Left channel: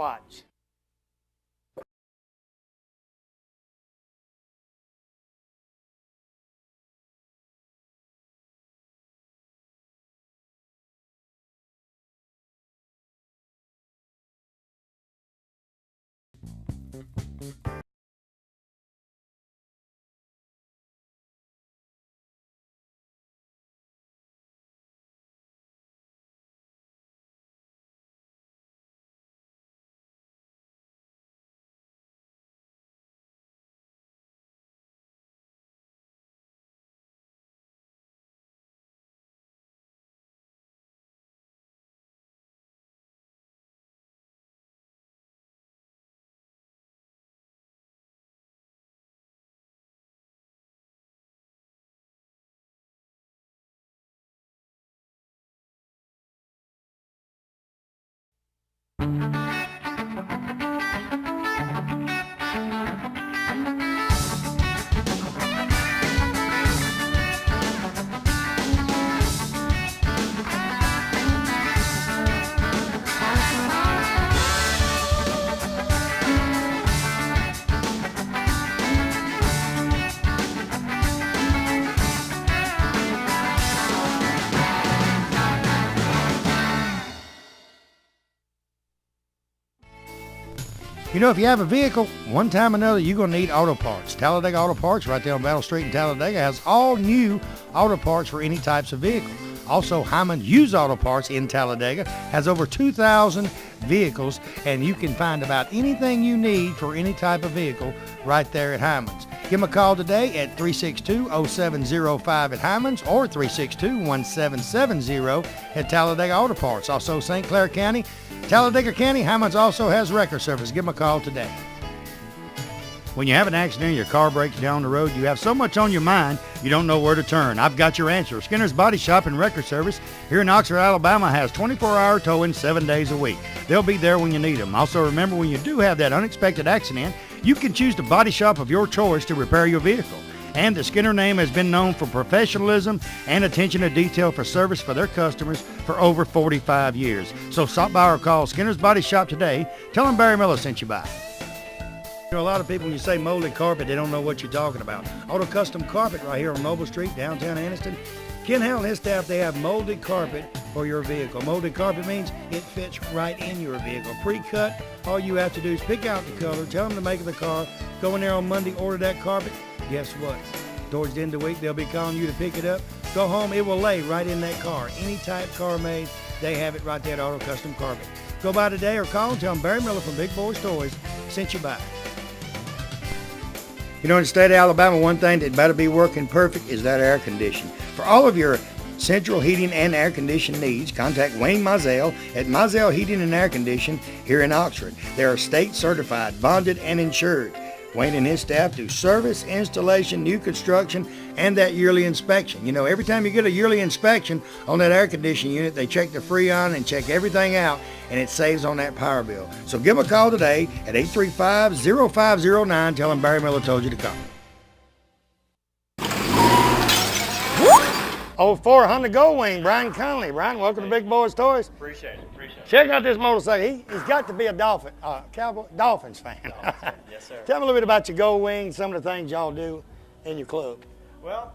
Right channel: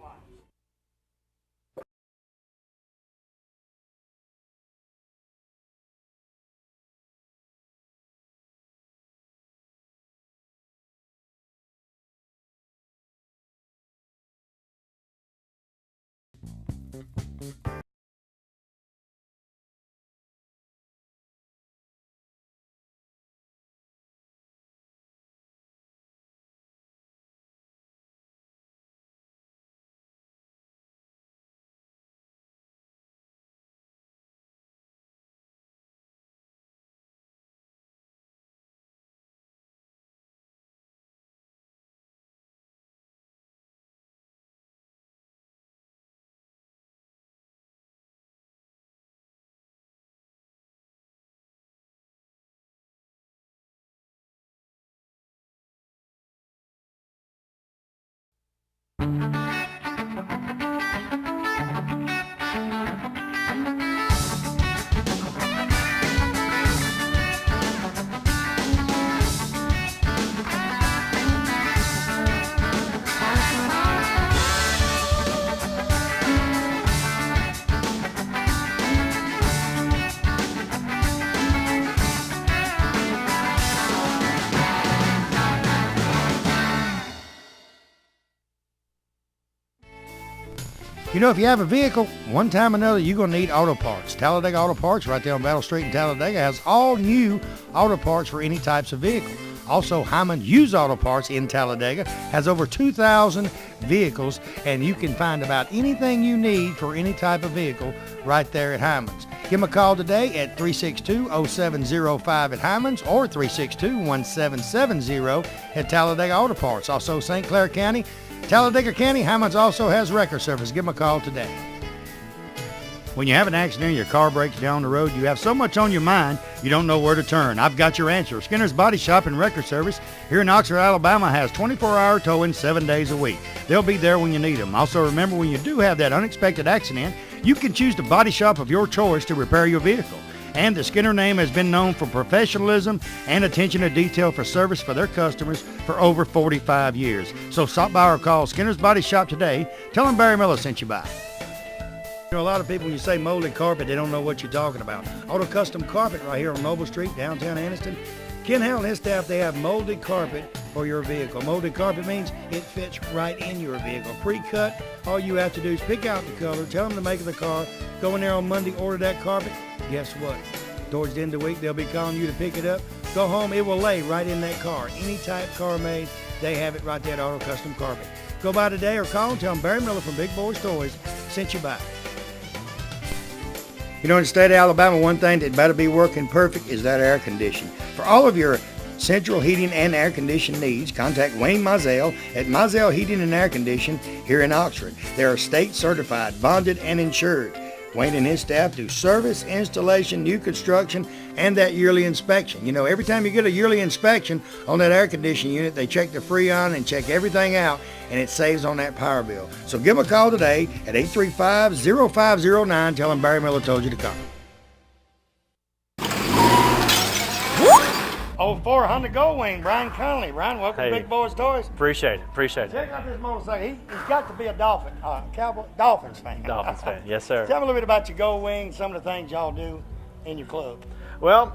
Watch. You know, if you have a vehicle, one time or another, you're going to need auto parts. Talladega Auto Parts, right there on Battle Street in Talladega, has all new auto parts for any types of vehicle. Also, Hyman Used Auto Parts in Talladega has over 2,000 vehicles, and you can find about anything you need for any type of vehicle right there at Hyman's. Give them a call today at 362-0705 at Hyman's or 362-1770 at Talladega Auto Parts. Also, St. Clair County, Talladega County, Hyman's also has record service. Give them a call today. When you have an accident and your car breaks down the road, you have so much on your mind, you don't know where to turn. I've got your answer. Skinner's Body Shop and Record Service here in Oxford, Alabama has 24-hour towing 7 days a week. They'll be there when you need them. Also, remember, when you do have that unexpected accident, you can choose the body shop of your choice to repair your vehicle. And the Skinner name has been known for professionalism and attention to detail for service for their customers for over 45 years. So stop by or call Skinner's Body Shop today. Tell them Barry Miller sent you by. You know, a lot of people, when you say molded carpet, they don't know what you're talking about. Auto Custom Carpet right here on Noble Street, downtown Anniston. Ken Howell and his staff, they have molded carpet for your vehicle. Molded carpet means it fits right in your vehicle. Pre-cut, all you have to do is pick out the color, tell them the make of the car, go in there on Monday, order that carpet. Guess what? Towards the end of the week, they'll be calling you to pick it up. Go home, it will lay right in that car. Any type car made, they have it right there at Auto Custom Carpet. Go by today or call and tell them Barry Miller from Big Boyz Toyz sent you by. You know, in the state of Alabama, one thing that better be working perfect is that air conditioning. For all of your central heating and air conditioning needs, contact Wayne Mizell at Mizell Heating and Air Conditioning here in Oxford. They are state certified, bonded, and insured. Wayne and his staff do service, installation, new construction, and that yearly inspection. You know, every time you get a yearly inspection on that air conditioning unit, they check the Freon and check everything out, and it saves on that power bill. So give them a call today at 835-0509. Tell them Barry Miller told you to call. 04 Honda Goldwing, Brian Conley. Brian, welcome to Big Boyz Toyz. Appreciate it. Check out this motorcycle. He's got to be a Dolphins fan. Dolphins fan, yes, sir. Tell me a little bit about your Goldwing, some of the things y'all do in your club. Well,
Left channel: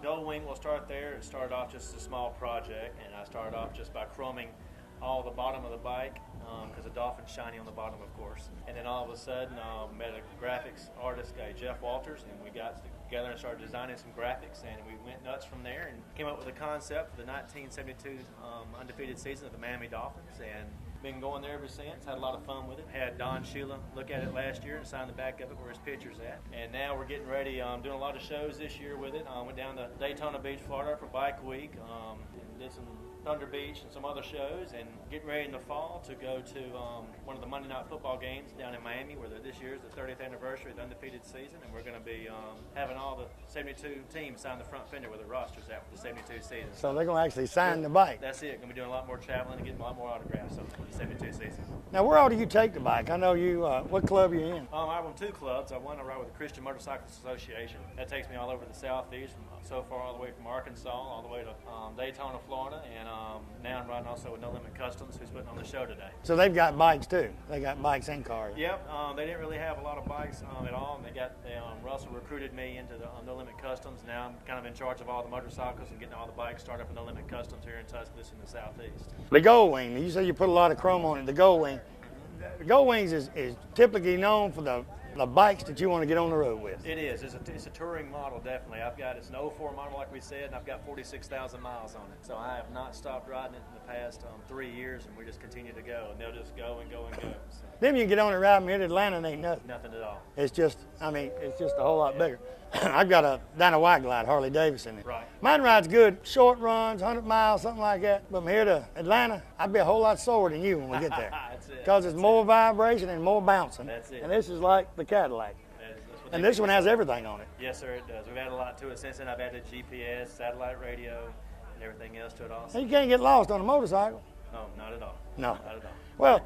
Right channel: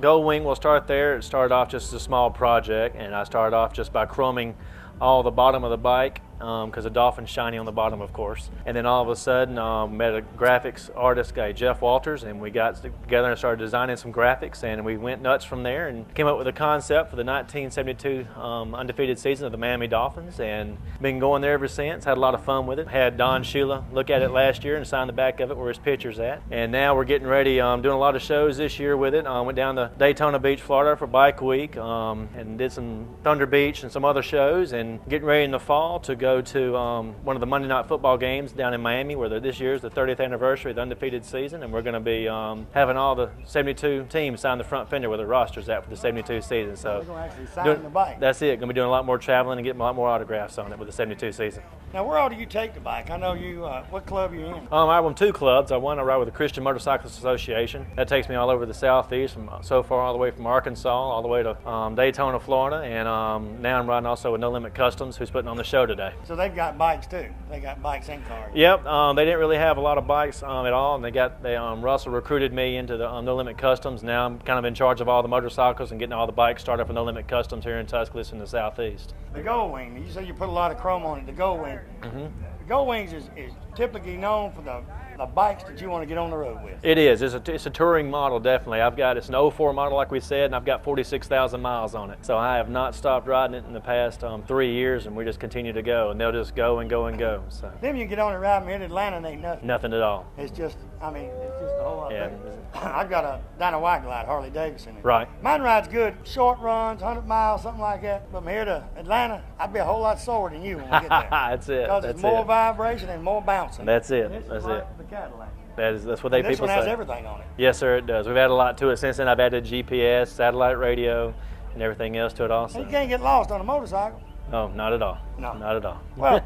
Goldwing, we'll start there. It started off just as a small project, and I started off just by chroming all the bottom of the bike, because the Dolphin's shiny on the bottom, of course. And then all of a sudden, met a graphics artist guy, Jeff Walters, and we got together and started designing some graphics, and we went nuts from there and came up with a concept for the 1972 undefeated season of the Miami Dolphins, and been going there ever since. Had a lot of fun with it. Had Don Shula look at it last year and sign the back of it where his picture's at. And now we're getting ready, doing a lot of shows this year with it. Went down to Daytona Beach, Florida for Bike Week, and did some Thunder Beach and some other shows, and getting ready in the fall to go to one of the Monday Night Football games down in Miami, where this year is the 30th anniversary of the undefeated season, and we're going to be having all the 72 teams sign the front fender where the roster's at for the 72 season. So they're going to actually sign the bike. That's it. Going to be doing a lot more traveling and getting a lot more autographs on it with the 72 season. Now, where all do you take the bike? I know you, what club are you in? I run 2 clubs. I ride with the Christian Motorcyclists Association. That takes me all over the Southeast, so far all the way from Arkansas, all the way to Daytona, Florida, and now I'm riding also with No Limit Customs, who's putting on the show today. So they've got bikes too. They got bikes and cars. Yep, they didn't really have a lot of bikes at all, and Russell recruited me into the No Limit Customs. Now I'm kind of in charge of all the motorcycles and getting all the bikes started for No Limit Customs here in Tuscaloosa in the Southeast. The Gold Wing, you said you put a lot of chrome on it, the Gold Wing. The Gold Wings is typically known for the bikes that you want to get on the road with. It is. It's a touring model, definitely. It's an '04 model, like we said, and I've got 46,000 miles on it. So I have not stopped riding it in the past 3 years, and we just continue to go, and they'll just go and go and go. So. Then you get on and ride from here to Atlanta, and ain't nothing. Nothing at all. It's just, it's just a whole lot bigger. I've got a Dyna White Glide Harley Davidson. Right. Mine rides good, short runs, 100 miles, something like that. From here to Atlanta, I'd be a whole lot slower than you when we get there. That's it. Because it's more vibration and more bouncing. That's it. And this is like the Cadillac. That's what they people say. This one has everything on it. Yes, sir, it does. We've added a lot to it since then. I've added GPS, satellite radio, and everything else to it also. And you can't get lost on a motorcycle. Oh, not at all. No. Not at all. Well,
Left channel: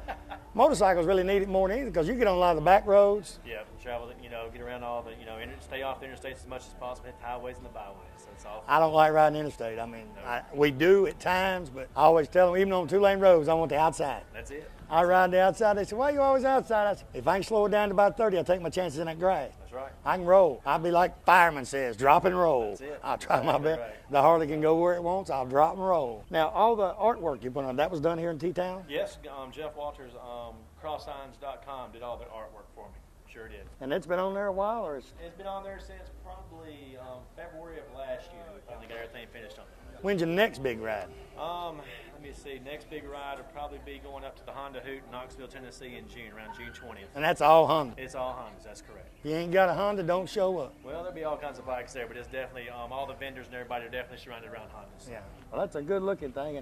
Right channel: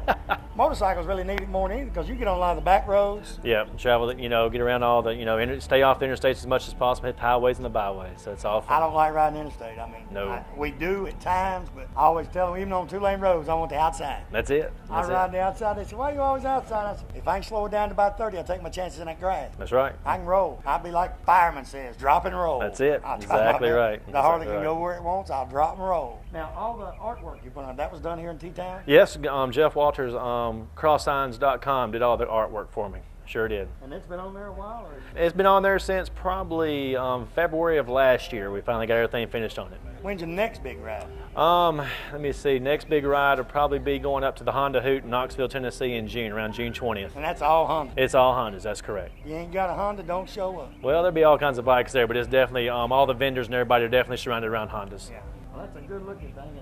motorcycles really need it more than anything because you get on a lot of the back roads. Yeah, travel, get around all the, stay off the interstates as much as possible, hit the highways and the byways. So it's all fun. I don't like riding interstate. No. We do at times, but I always tell them, even on 2-lane roads, I want the outside. That's it. I ride the outside. They say, why are you always outside? I say, if I can slow it down to about 30, I take my chances in that grass. That's right. I can roll. I'll be like fireman says, drop and roll. That's it. I'll try Exactly my best. right. The Harley Exactly can go where it wants. I'll drop and roll. Now, all the artwork you put on, that was done here in T-Town? Yes, Jeff Walters, crosssigns.com did all the artwork for me. Sure did. And it's been on there a while? Or It's been on there since probably February of last year. We finally got everything finished on it. When's your next big ride? Let me see. Next big ride will probably be going up to the Honda Hoot in Knoxville, Tennessee in June, around June 20th. And that's all Honda? It's all Hondas, that's correct. You ain't got a Honda, don't show up. Well, there'll be all kinds of bikes there, but it's definitely, all the vendors and everybody are definitely surrounded around Hondas. Yeah. Well, that's a good looking thing.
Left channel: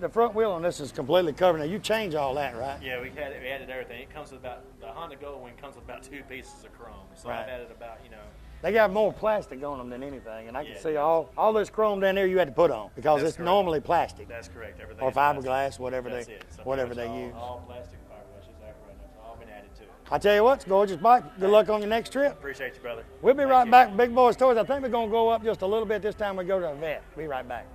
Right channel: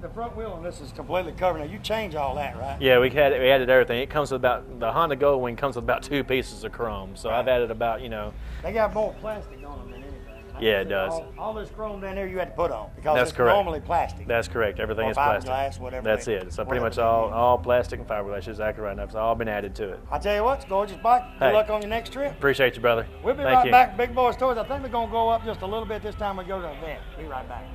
The front wheel on this is completely covered. Now, you change all that, right? Yeah, we added everything. It comes with the Honda Gold Wing comes with about 2 pieces of chrome. So right. I've added about, They got more plastic on them than anything. And I can see it does. All this chrome down there you had to put on because it's normally plastic. That's correct. Everything or is plastic. Fiberglass, whatever. That's it. So pretty much all plastic and fiberglass. Exactly right. That's all been added to it. I tell you what, it's a gorgeous bike. Good luck on your next trip. Appreciate you, brother. We'll be right back, Big Boyz Toyz. I think we're going to go up just a little bit this time we go to the event. Be right back.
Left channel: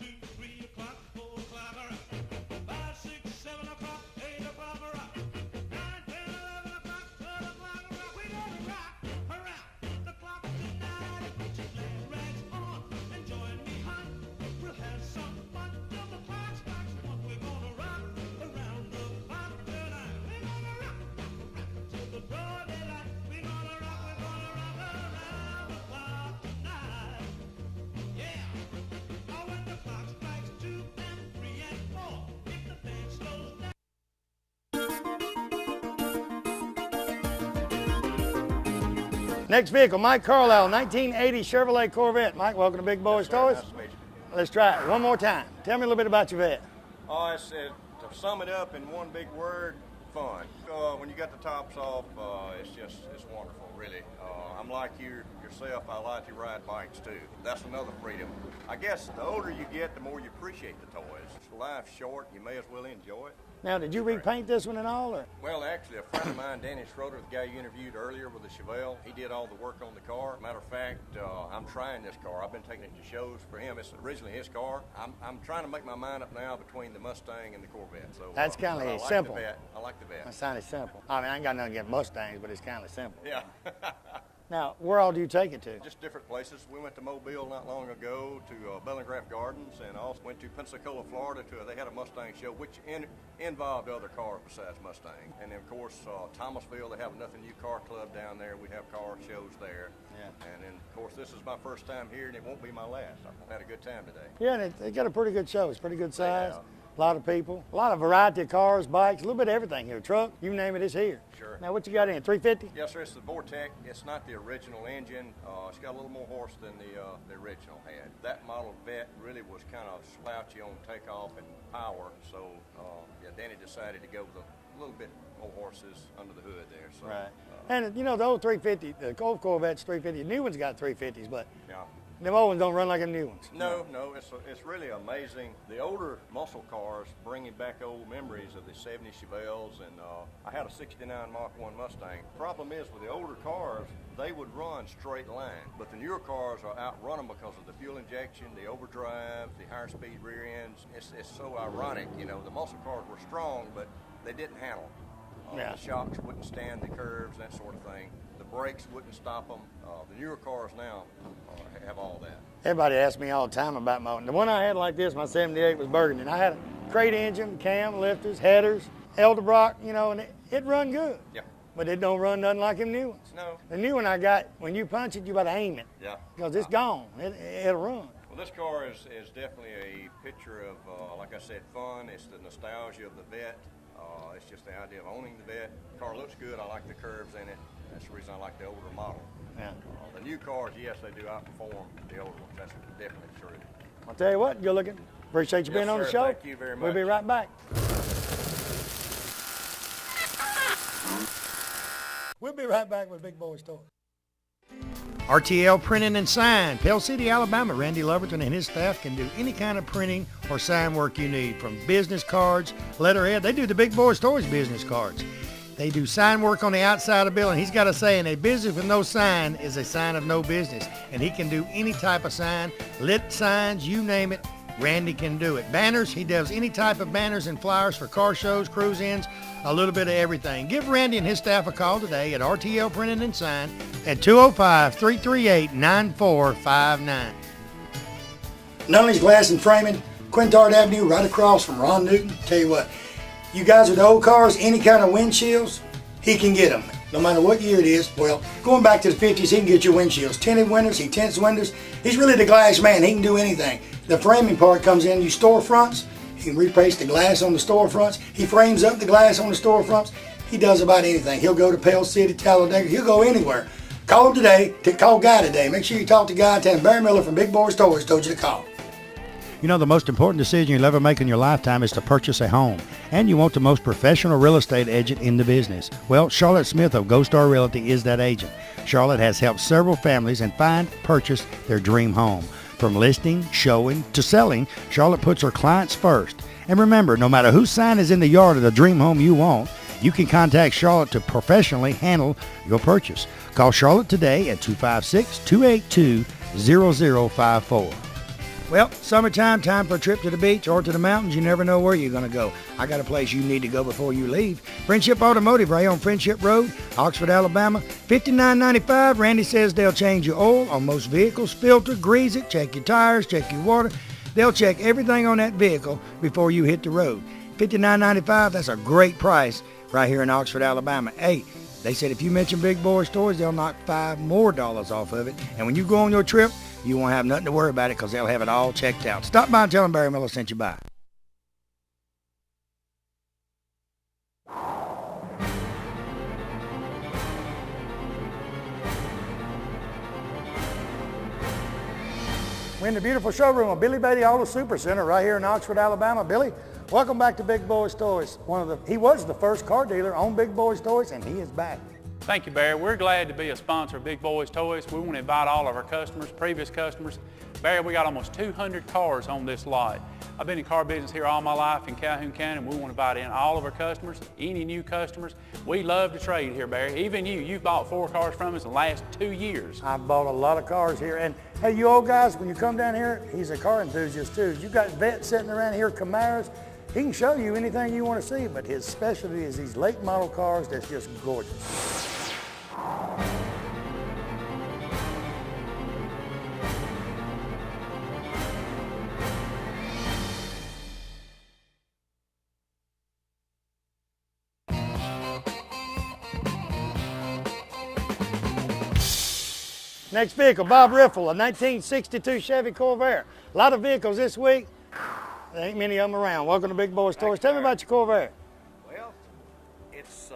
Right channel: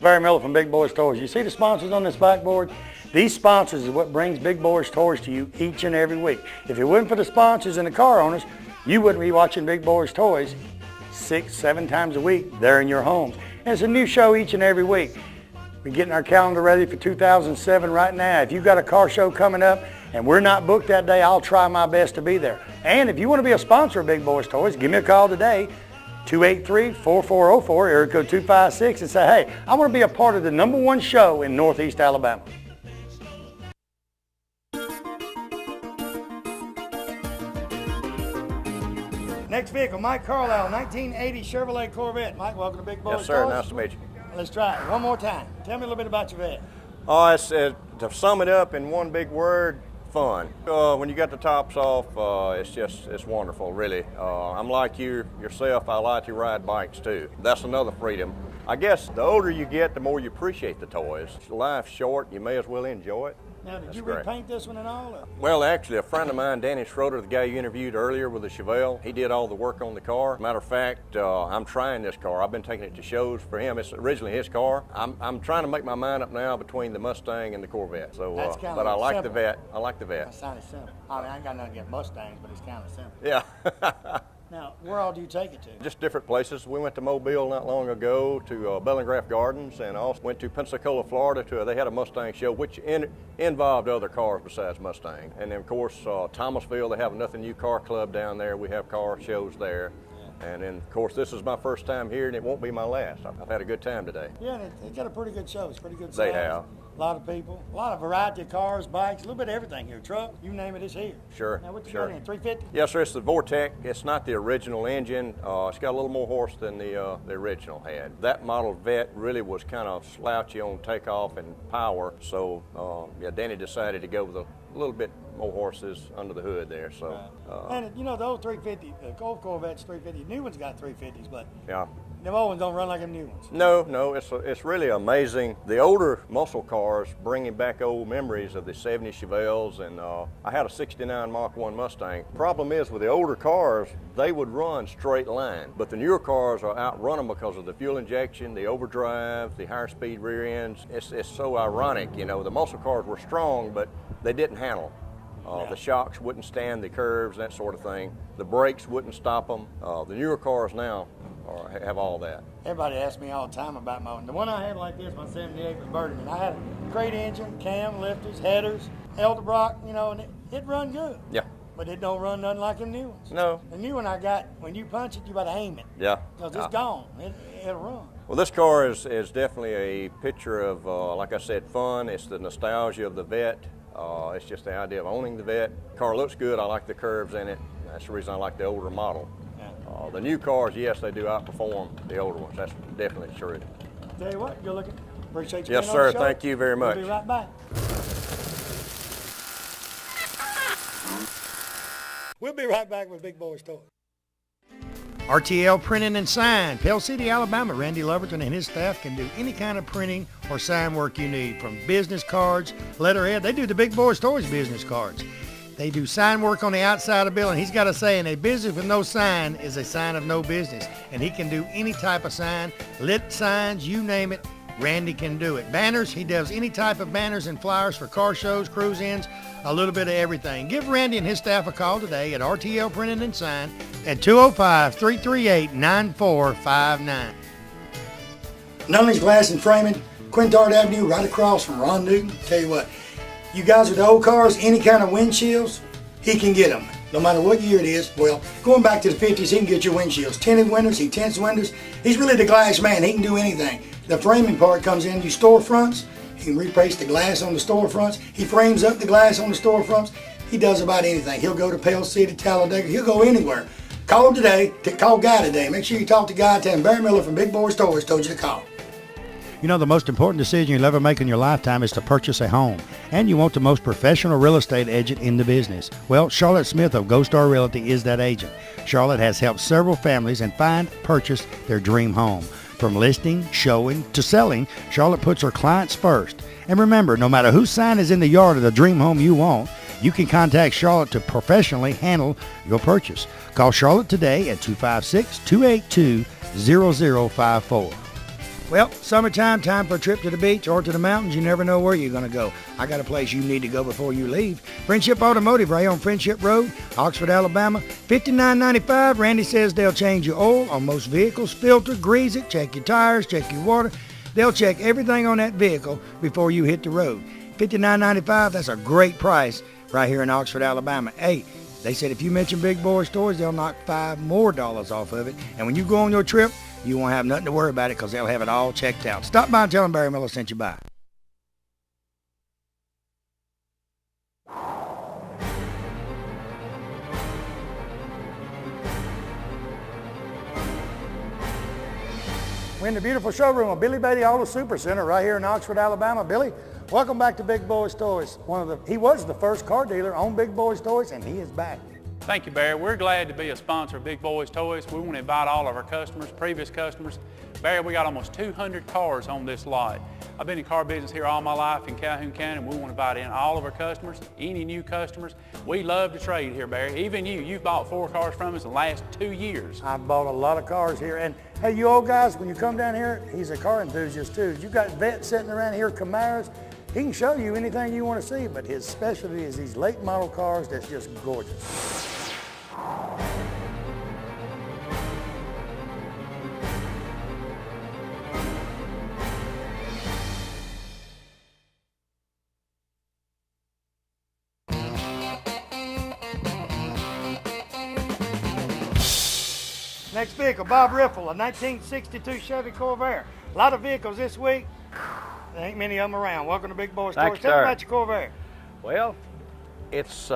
Barry Miller from Big Boyz Toyz. You see the sponsors on this backboard? These sponsors is what brings Big Boyz Toyz to you each and every week. If it wasn't for the sponsors and the car owners, you wouldn't be watching Big Boyz Toyz 6-7 times a week there in your home. There's a new show each and every week. We're getting our calendar ready for 2007 right now. If you've got a car show coming up and we're not booked that day, I'll try my best to be there. And if you want to be a sponsor of Big Boyz Toyz, give me a call today. 283-4404, area code 256, and say, hey, I want to be a part of the #1 show in Northeast Alabama. Next vehicle, Mike Carlisle, 1980 Chevrolet Corvette. Mike, welcome to Big Boyz Toyz. Yes, sir. Nice to meet you. Let's try it one more time. Tell me a little bit about your vet. Oh, to sum it up in one big word, fun. When you got the tops off, it's wonderful, really. I'm like yourself, I like to ride bikes too. That's another freedom. I guess the older you get, the more you appreciate the toys. Life's short, you may as well enjoy it. Now, did you repaint this one and all? Or? Well, actually, a friend of mine, Danny Schroeder, the guy you interviewed earlier with the Chevelle, he did all the work on the car. Matter of fact, I'm trying this car. I've been taking it to shows for him. It's originally his car. I'm trying to make my mind up now between the Mustang and the Corvette. So, that's kind of but I like simple. the Vet. I like the Vet. That sounded simple. I mean, I ain't got nothing against Mustangs, but it's kind of simple. Yeah. Now, where all do you take it to? Just different places. We went to Mobile not long ago to Bellingraph Gardens, and also went to Pensacola, Florida. They had a Mustang show, which involved other cars besides Mustang. And then, of course, Thomasville, they have a Nothing New Car Club down there. We have car shows there. Yeah. And then, of course, this is my first time here, and it won't be my last. I've had a good time today. Yeah, and they got a pretty good show. It's pretty good size. They have. A lot of people, a lot of variety of cars, bikes, a little bit of everything here. Truck, you name it, it's here. Sure. Now, what you got in, 350? Yes, sir, it's the Vortec. It's not the original engine. It's got a little more horse than the original had. That model Vet really was kind of slouchy on takeoff and power, so yeah, Danny decided to go with a little bit more horses under the hood there. So. Right. And you know, the old 350, the old Corvette's 350, the new one's got 350s, but yeah. Them old ones don't run like them new ones. No, no, it's really amazing. The older muscle cars bringing back old memories of the 70 Chevelles, and I had a 69 Mach 1 Mustang. Problem is with the older cars, they would run straight line, but the newer cars are outrun them because of the fuel injection, the overdrive, the higher speed rear ends. It's so ironic, you know, the muscle cars were strong, but they didn't handle. The shocks wouldn't stand the curves, that sort of thing. The brakes wouldn't stop them. The newer cars now have all that. Everybody asks me all the time about my one. The one I had like this, my 78 was Burgundy. I had a crate engine, cam, lifters, headers, Edelbrock, you know, and it run good. Yeah. But it don't run nothing like them new ones. No. The new one I got, when you punch it, you got to aim it. Yeah. Because it's gone. It'll run. Well, this car is definitely a picture of, like I said, fun. It's the nostalgia of the vet. It's just the idea of owning the vet. Car looks good. I like the curves in it. That's the reason I like the older model. Yeah. The new cars, yes, they do outperform the older ones. That's definitely true. I'll tell you what, good looking. Appreciate you Yes, being on the sir. show. Thank you very much. We'll be right back. We'll be right back with Big Boyz Toyz. RTL Printing and Sign, Pell City, Alabama. Randy Loverton and his staff can do any kind of printing or sign work you need, from business cards, letterhead. They do the Big Boyz Toyz business cards. They do sign work on the outside of the building. He's got a saying, a business with no sign is a sign of no business. And he can do any type of sign, lit signs, you name it, Randy can do it. Banners, he does any type of banners and flyers for car shows, cruise-ins, a little bit of everything. Give Randy and his staff a call today at RTL Printing and Sign at 205-338-9459. Nunley's Glass and Framing, Quintard Avenue, right across from Ron Newton. Tell you what, you guys with the old cars, any kind of windshields, he can get them. No matter what year it is. Well, going back to the 50s, he can get your windshields. Tinted windows, he tints windows. He's really the glass man. He can do anything. The framing part comes in, you storefronts. He can replace the glass on the storefronts. He frames up the glass on the storefronts. He does about anything. He'll go to Pell City, Talladega. He'll go anywhere. Call him today. Call Guy today. Make sure you talk to Guy. Tell him Barry Miller from Big Boyz Toyz told you to call. You know, the most important decision you'll ever make in your lifetime is to purchase a home. And you want the most professional real estate agent in the business. Well, Charlotte Smith of Gold Star Realty is that agent. Charlotte has helped several families and purchase their dream home. From listing, showing, to selling, Charlotte puts her clients first. And remember, no matter whose sign is in the yard of the dream home you want, you can contact Charlotte to professionally handle your purchase. Call Charlotte today at 256-282-0054. Well, summertime, time for a trip to the beach or to the mountains. You never know where you're going to go. I got a place you need to go before you leave. Friendship Automotive, right on Friendship Road, Oxford, Alabama. $59.95. Randy says they'll change your oil on most vehicles, filter, grease it, check your tires, check your water. They'll check everything on that vehicle before you hit the road. $59.95, that's a great price right here in Oxford, Alabama. Hey, they said if you mention Big Boyz Toyz, they'll knock $5 more off of it. And when you go on your trip, you won't have nothing to worry about it because they'll have it all checked out. Stop by and tell them Barry Miller sent you by. We're in the beautiful showroom of Billy Beatty Auto Super Center right here in Oxford, Alabama. Billy, welcome back to Big Boyz Toyz. He was the first car dealer on Big Boyz Toyz, and he is back. Thank you, Barry. We're glad to be a sponsor of Big Boyz Toyz. We want to invite all of our customers, previous customers. Barry, we got almost 200 cars on this lot. I've been in car business here all my life in Calhoun County, and we want to invite in all of our customers, any new customers. We love to trade here, Barry. Even you've bought 4 cars from us in the last 2 years. I've bought a lot of cars here, and hey, you old guys, when you come down here, he's a car enthusiast too. You got vets sitting around here, Camaros. He can show you anything you want to see, but his specialty is these late model cars that's just gorgeous. Next vehicle, Bob Riffle, a 1962 Chevy Corvair. A lot of vehicles this week. There ain't many of them around. Welcome to Big Boyz Toyz. Tell me about your Corvair. Well, it's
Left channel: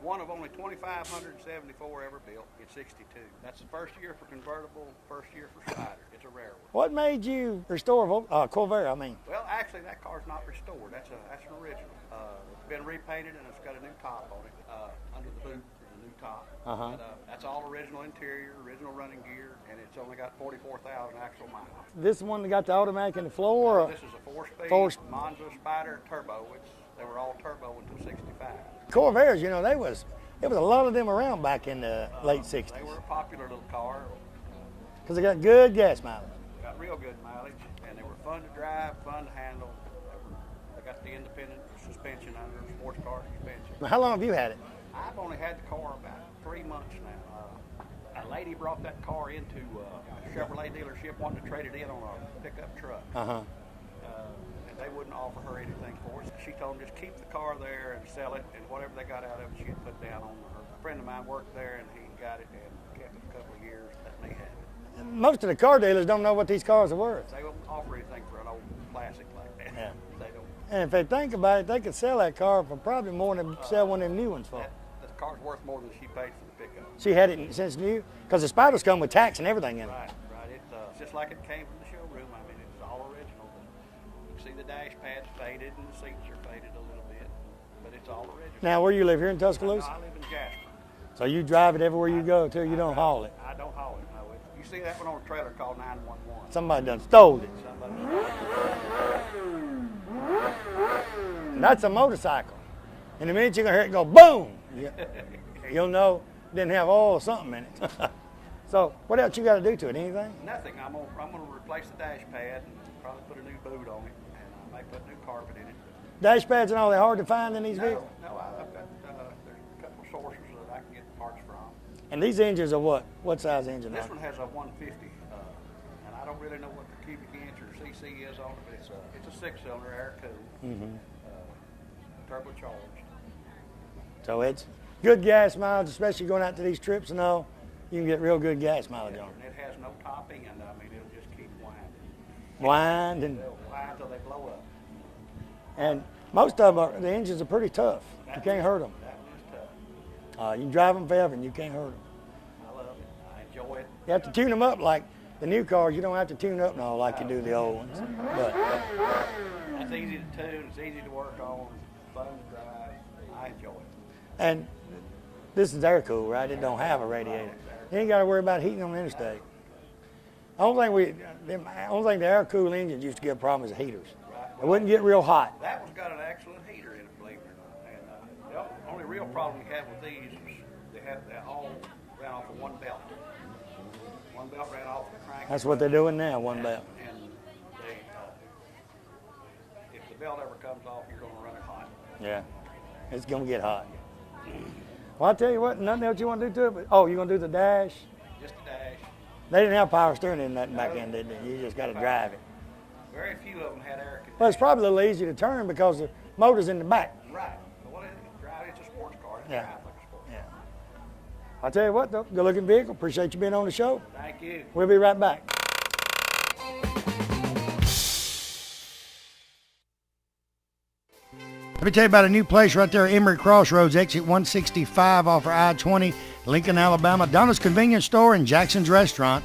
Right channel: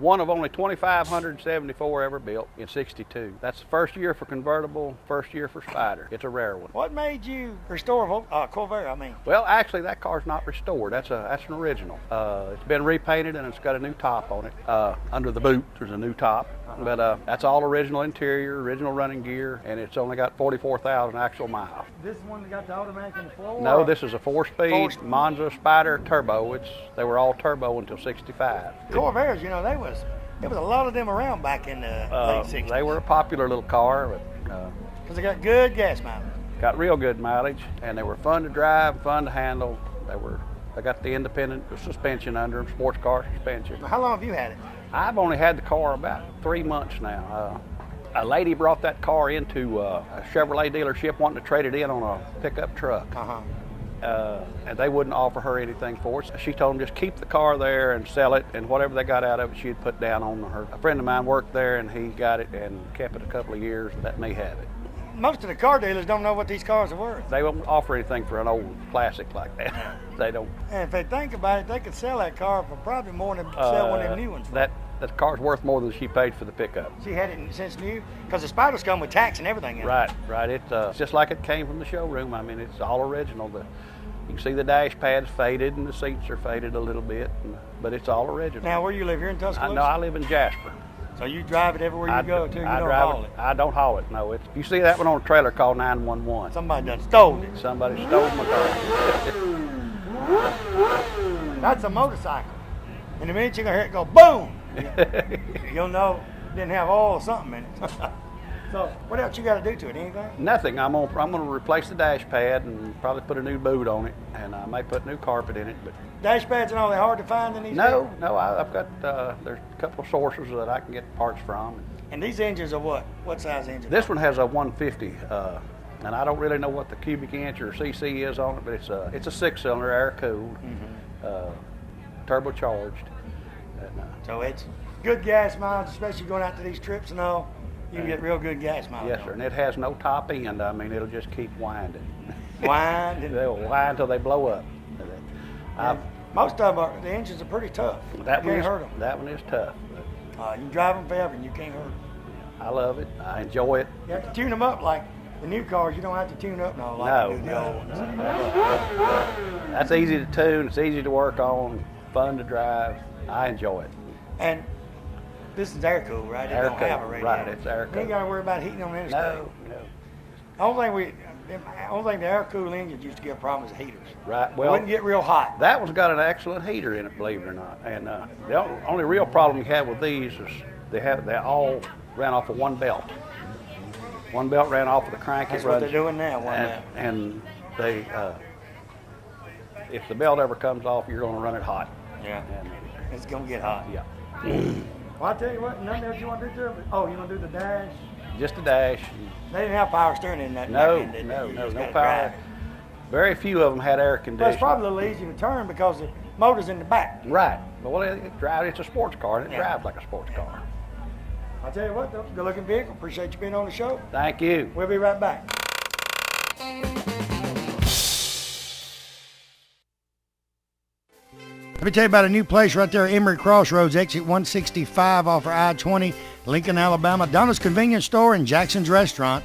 one of only 2,574 ever built in '62. That's the first year for convertible, first year for Spider. It's a rare one. What made you restore Corvair, I mean? Well, actually, that car's not restored. That's an original. It's been repainted and it's got a new top on it. Under the boot, there's a new top. But that's all original interior, original running gear, and it's only got 44,000 actual miles. This is the one that got the automatic in the floor? No, this is a four-speed Monza Spider turbo. They were all turbo until '65. Corvairs, you know, there was a lot of them around back in the late '60s. They were a popular little car, but because they got good gas mileage. got real good mileage, and they were fun to drive, fun to handle. They got the independent suspension under them, sports car suspension. So how long have you had it? I've only had the car about 3 months now. A lady brought that car into a Chevrolet dealership wanting to trade it in on a pickup truck. And they wouldn't offer her anything for it. So she told them just keep the car there and sell it, and whatever they got out of it, she'd put down on her. A friend of mine worked there, and he got it and kept it a couple of years, and let me have it. Most of the car dealers don't know what these cars are worth. They won't offer anything for an old classic like that. Yeah. They don't. And if they think about it, they could sell that car for probably more than sell one of them new ones. That car's worth more than she paid for the pickup. She had it since new, because the Spiders come with tax and everything in it. Right. It's just like it came from the showroom. I mean, it's all original. You can see the dash pad's faded and the seats are faded a little bit, but it's all original. Now, where you live, here in Tuscaloosa? No, I live in Jasper. So you drive it everywhere you go, too? You don't haul it? I don't haul it, no. If you see that one on a trailer, call 911. Somebody done stole it. Somebody stole my car. That's a motorcycle. And the minute you're going to hear it go boom, you'll know it didn't have all or something in it. So what else you got to do to it? Anything? Nothing. I'm gonna replace the dash pad and probably put a new boot on it, and I may put new carpet in it. But dash pads and all, they're hard to find in these? No. I've got there's a couple of sources that I can get parts from. And these engines are what? What size engine? This one has a 150, and I don't really know what the cubic inch or cc is on it, but it's a 6-cylinder, air cooled, turbocharged. And, so it's good gas mileage, especially going out to these trips and all. You can get real good gas mileage. Yes, sir, and it has no top end. I mean, it'll just keep winding. Winding? They'll wind until they blow up. Most of the engines are pretty tough. You can't hurt them. That one is tough. You drive them forever and you can't hurt them. I love it. I enjoy it. You have to tune them up like the new cars. You don't have to tune up no like you do the old ones. That's easy to tune. It's easy to work on. Fun to drive. I enjoy it. And this is air cooled, right? You don't have a radiator. Right, it's air cooled. You ain't got to worry about heating on the interstate. No. Only thing the air cooled engines used to get problems with heaters. Right. Well, it wouldn't get real hot. That one's got an excellent heater in it, believe it or not. And the only real problem you have with these is they all ran off of one belt. One belt ran off of the crank. That's what they're doing now. One belt. And they, if the belt ever comes off, you're going to run it hot. Yeah. It's going to get hot. Yeah. Well, I'll tell you what, nothing else you want to do to it? But, you're going to do the dash? Just a dash. They didn't have power steering in that. No power. Very few of them had air conditioning. That's probably a little easier to turn because the motor's in the back. Right. But well, it's a sports car, and it drives like a sports car. I'll tell you what, though, good looking vehicle. Appreciate you being on the show. Thank you. We'll be right back. Let me tell you about a new place right there at Emory Crossroads, exit 165 off of I-20, Lincoln, Alabama. Donna's Convenience Store and Jackson's Restaurant,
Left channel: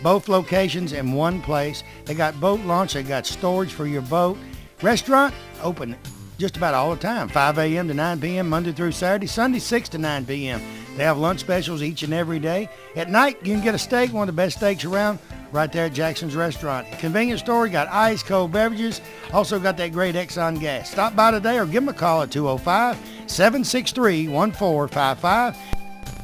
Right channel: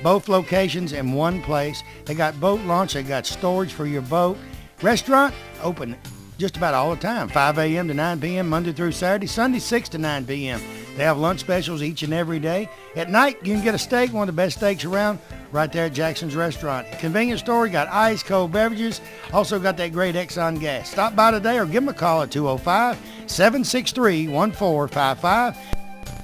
both locations in one place. They got boat launch, they got storage for your boat. Restaurant open just about all the time, 5 a.m. to 9 p.m. Monday through Saturday, Sunday 6 to 9 p.m. They have lunch specials each and every day. At night, you can get a steak, one of the best steaks around, right there at Jackson's Restaurant. Convenience store, got ice cold beverages, also got that great Exxon gas. Stop by today or give them a call at 205-763-1455. Hey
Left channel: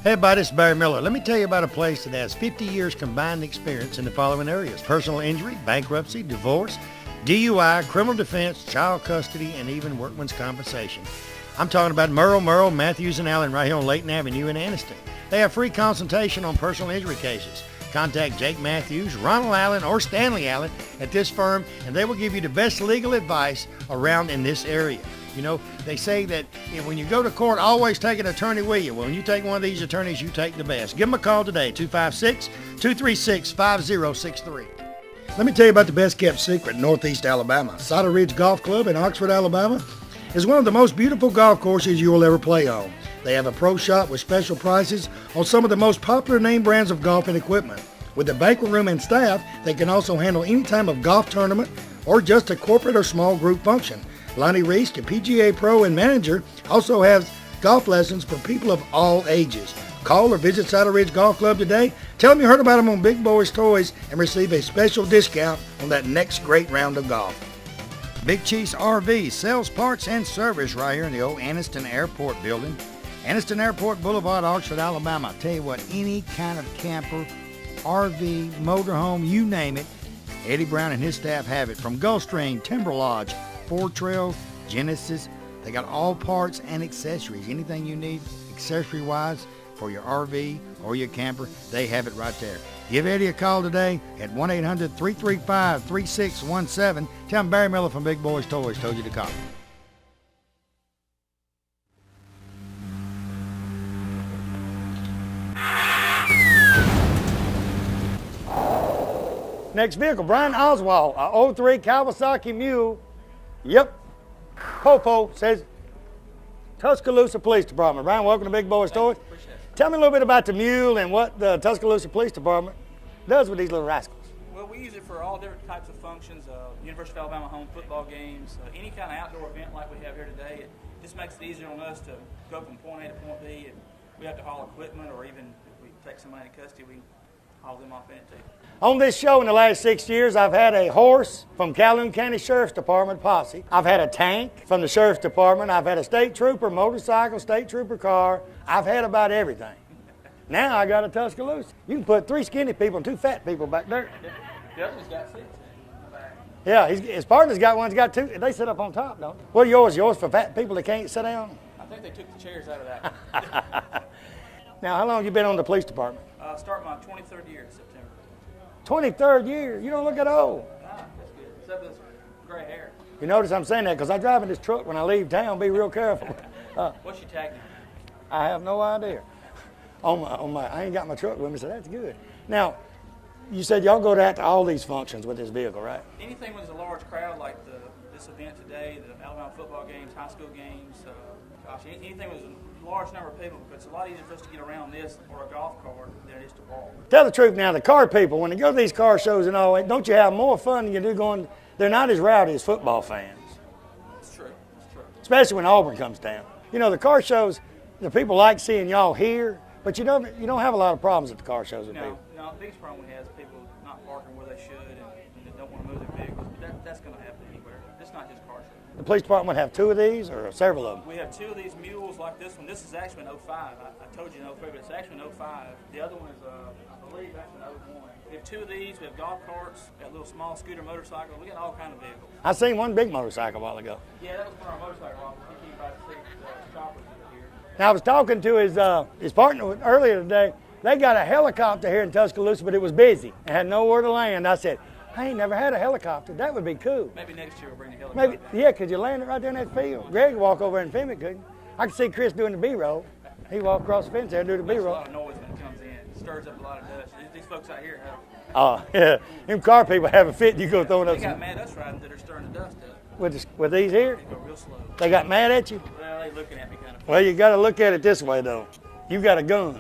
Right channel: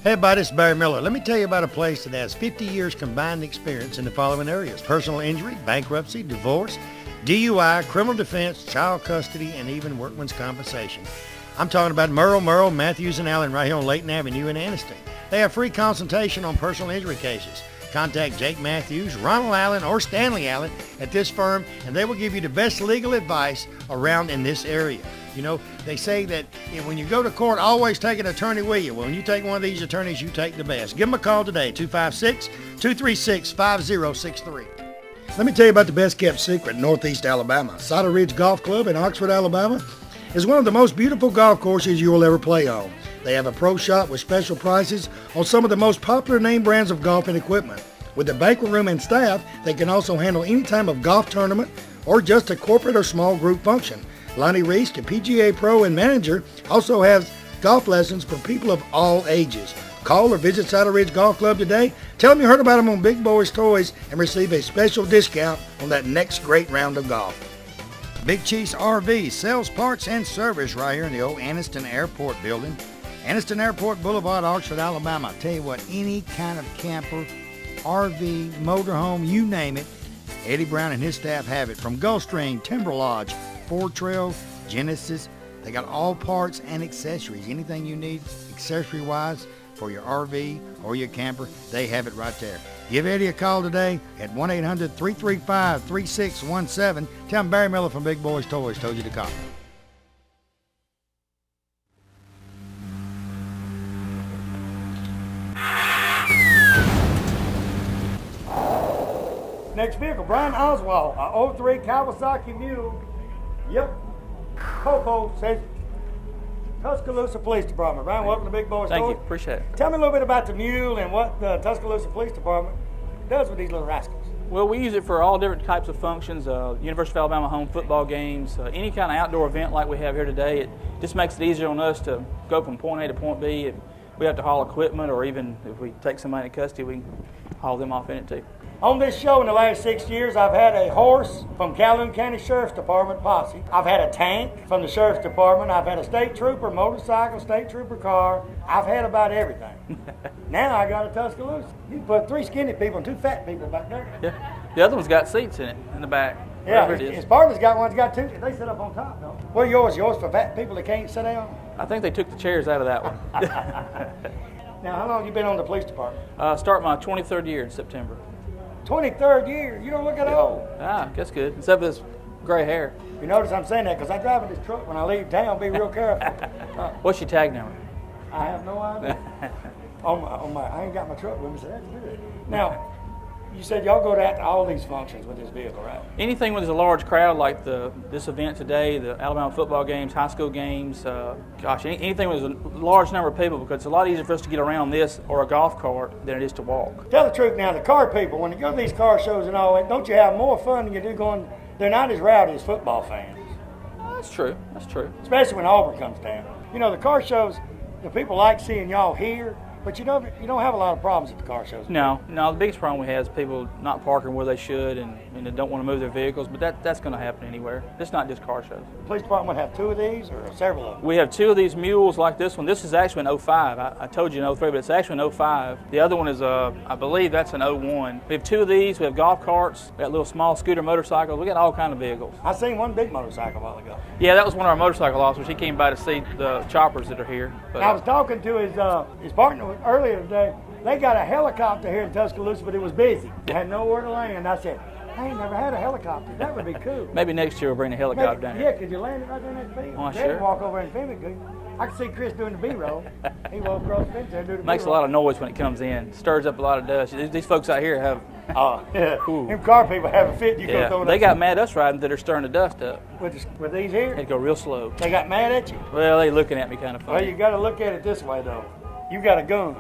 everybody, it's Barry Miller. Let me tell you about a place that has 50 years combined experience in the following areas: personal injury, bankruptcy, divorce, DUI, criminal defense, child custody, and even workman's compensation. I'm talking about Merle, Matthews, and Allen right here on Layton Avenue in Anniston. They have free consultation on personal injury cases. Contact Jake Matthews, Ronald Allen, or Stanley Allen at this firm, and they will give you the best legal advice around in this area. You know, they say that when you go to court, always take an attorney with you. Well, when you take one of these attorneys, you take the best. Give them a call today, 256-236-5063. Let me tell you about the best kept secret in Northeast Alabama. Cider Ridge Golf Club in Oxford, Alabama is one of the most beautiful golf courses you will ever play on. They have a pro shop with special prices on some of the most popular name brands of golf and equipment. With a banquet room and staff, they can also handle any type of golf tournament or just a corporate or small group function. Lonnie Reese, the PGA Pro and manager, also has golf lessons for people of all ages. Call or visit Saddle Ridge Golf Club today. Tell them you heard about them on Big Boyz Toys and receive a special discount on that next great round of golf. Big Chiefs RV sells parts and service right here in the old Anniston Airport building. Anniston Airport Boulevard, Oxford, Alabama. I'll tell you what, any kind of camper, RV, motorhome, you name it, Eddie Brown and his staff have it. From Gulfstream, Timber Lodge, Four Trail, Genesis, they got all parts and accessories. Anything you need accessory-wise for your RV or your camper, they have it right there. Give Eddie a call today at 1-800-335-3617. Tell him Barry Miller from Big Boyz Toys told you to call. Next vehicle, Brian Oswald, a 03 Kawasaki Mule. Yep. Popo says Tuscaloosa Police Department. Brian, welcome to Big Boyz Toys. Thank you. Appreciate it. Tell me a little bit about the Mule and what the Tuscaloosa Police Department does with these little rascals. Well, we use it for all different types of functions, University of Alabama home football games, any kind of outdoor event like we have here today. It just makes it easier on us to go from point A to point B. If we have to haul equipment, or even if we take somebody into custody, we can haul them off in it too. On this show in the last 6 years, I've had a horse from Calhoun County Sheriff's Department posse. I've had a tank from the Sheriff's Department. I've had a state trooper motorcycle, state trooper car. I've had about everything. Now I got a Tuscaloosa. You can put 3 skinny people and 2 fat people back there. Yeah. The other one's got seats in it, in the back. Yeah, Whatever it is. his partner's got one, he's got 2. They sit up on top, though. What are yours? Yours for fat people that can't sit down? I think they took the chairs out of that one. Now, how long have you been on the police department? Start my 23rd year in September. 23rd year. You don't look at old. That's good. Except for this gray hair. You notice I'm saying that because I drive in this truck when I leave town. Be real careful. What's your tag number? I have no idea. I ain't got my truck with me, so that's good. Now, you said y'all go to all these functions with this vehicle, right? Anything when there's a large crowd like this event today, the Alabama football games, high school games, anything with a large number of people, because it's a lot easier for us to get around this or a golf cart than it is to walk. Tell the truth now, the car people, when they go to these car shows and all that, don't you have more fun than you do going, they're not as rowdy as football fans. That's true. That's true. Especially when Auburn comes down. You know, the car shows, the people like seeing y'all here, but you don't have a lot of problems at the car shows. No, the biggest problem we have is people not parking where they should and they don't want to move their vehicles, but that's going to happen anywhere. It's not just car shows. The police department have 2 of these or several of them? We have 2 of these mules like this one. This is actually an 05. I told you an 03, but it's actually an 05. The other one is, I believe that's an 01. We have 2 of these. We have golf carts. We got little small scooter motorcycles. We got all kind of vehicles. I seen one big motorcycle a while ago. Yeah, that was one of our motorcycle officers. He came by to see the choppers that are here. Now, I was talking to his partner earlier today. They got a helicopter here in Tuscaloosa, but it was busy. It had nowhere to land. I said, I ain't never had a helicopter. That would be cool. Maybe next year we'll bring the helicopter down. Yeah, could you land it right there in that field? Oh, Greg sure. walk over and film it, could I can see Chris doing the B-roll. He walked across the fence there and do the B-roll. Makes a lot of noise when it comes in. Stirs up a lot of dust. These folks out here have... Oh, yeah. Them car people have a fit. You go throw it They up. got mad at us riding that are stirring the dust up. With these here? Had to go real slow. They got mad at you? Well, they looking at me kind of funny. Well, you got to look at it this way, though. You got a gun.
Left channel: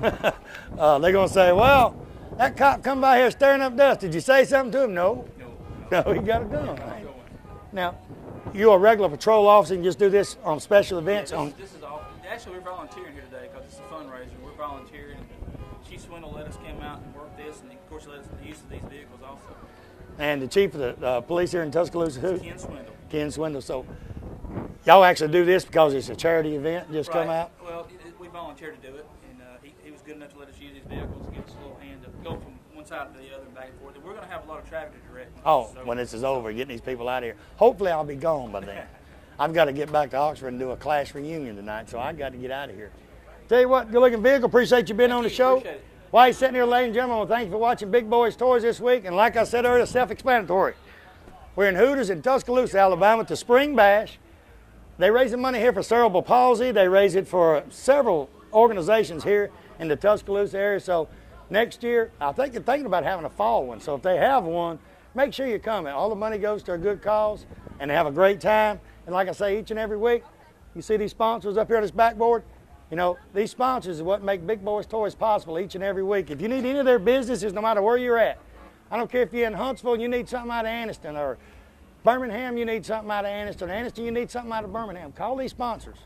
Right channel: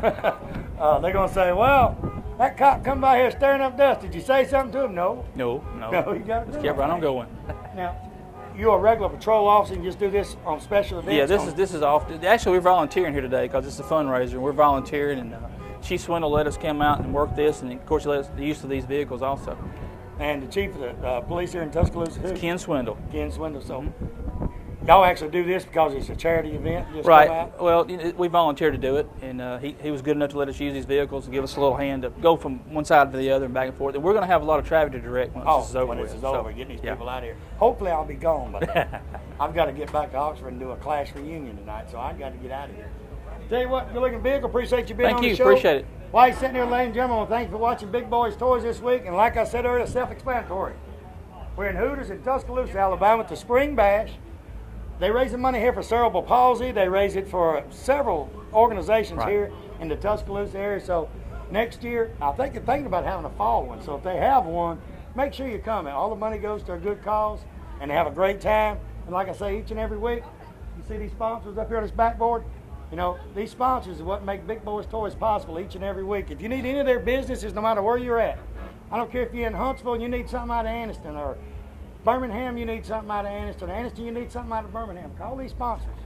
They're going to say, well, that cop come by here stirring up dust. Did you say something to him? No. No. No, you got a gun. Kept right on going. Now, you're a regular patrol officer and just do this on special events? Yeah, this is off. Actually, we're volunteering here today because it's a fundraiser. We're volunteering, and Chief Swindle let us come out and work this, and of course, he let us the use of these vehicles also. And the chief of the police here in Tuscaloosa, who? Ken Swindle. Ken Swindle. So y'all actually do this because it's a charity event? Just Right. Come out? Well, we volunteered to do it, and he was good enough to let us use these vehicles and give us a little hand to go from one side to the other and back and forth. And we're going to have a lot of traffic to direct when this is over. When this is over, getting these yeah. people out of here. Hopefully I'll be gone by then. I've got to get back to Oxford and do a class reunion tonight, so I've got to get out of here. Tell you what, good looking vehicle. Appreciate you being on the show. Appreciate it. While you're sitting here, ladies and gentlemen, well, thank you for watching Big Boyz Toys this week. And like I said earlier, self-explanatory. We're in Hooters in Tuscaloosa, Alabama, at the Spring Bash. They raise the money here for cerebral palsy. They raise it for several organizations here in the Tuscaloosa area. So next year, I think they're thinking about having a fall one. So if they have one, make sure you come. All the money goes to a good cause, and they have a great time. And like I say, each and every week, you see these sponsors up here on this backboard, You know, these sponsors are what make Big Boyz Toys possible each and every week. If you need any of their businesses, no matter where you're at, I don't care if you're in Huntsville and you need something out of Anniston, or Birmingham, you need something out of Anniston, or Anniston, you need something out of Birmingham. Call these sponsors.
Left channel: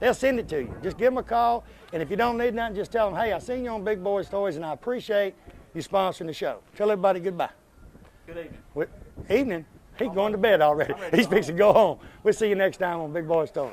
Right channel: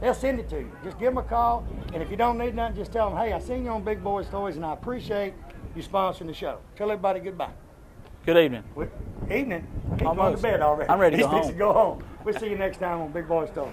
They'll send it to you. Just give them a call, and if you don't need nothing, just tell them, hey, I seen you on Big Boyz Toys, and I appreciate you sponsoring the show. Tell everybody goodbye. Good evening. Evening. He's going to Almost. bed already. I'm ready to He's go fixing to go home. We'll see you next time on Big Boyz Toys.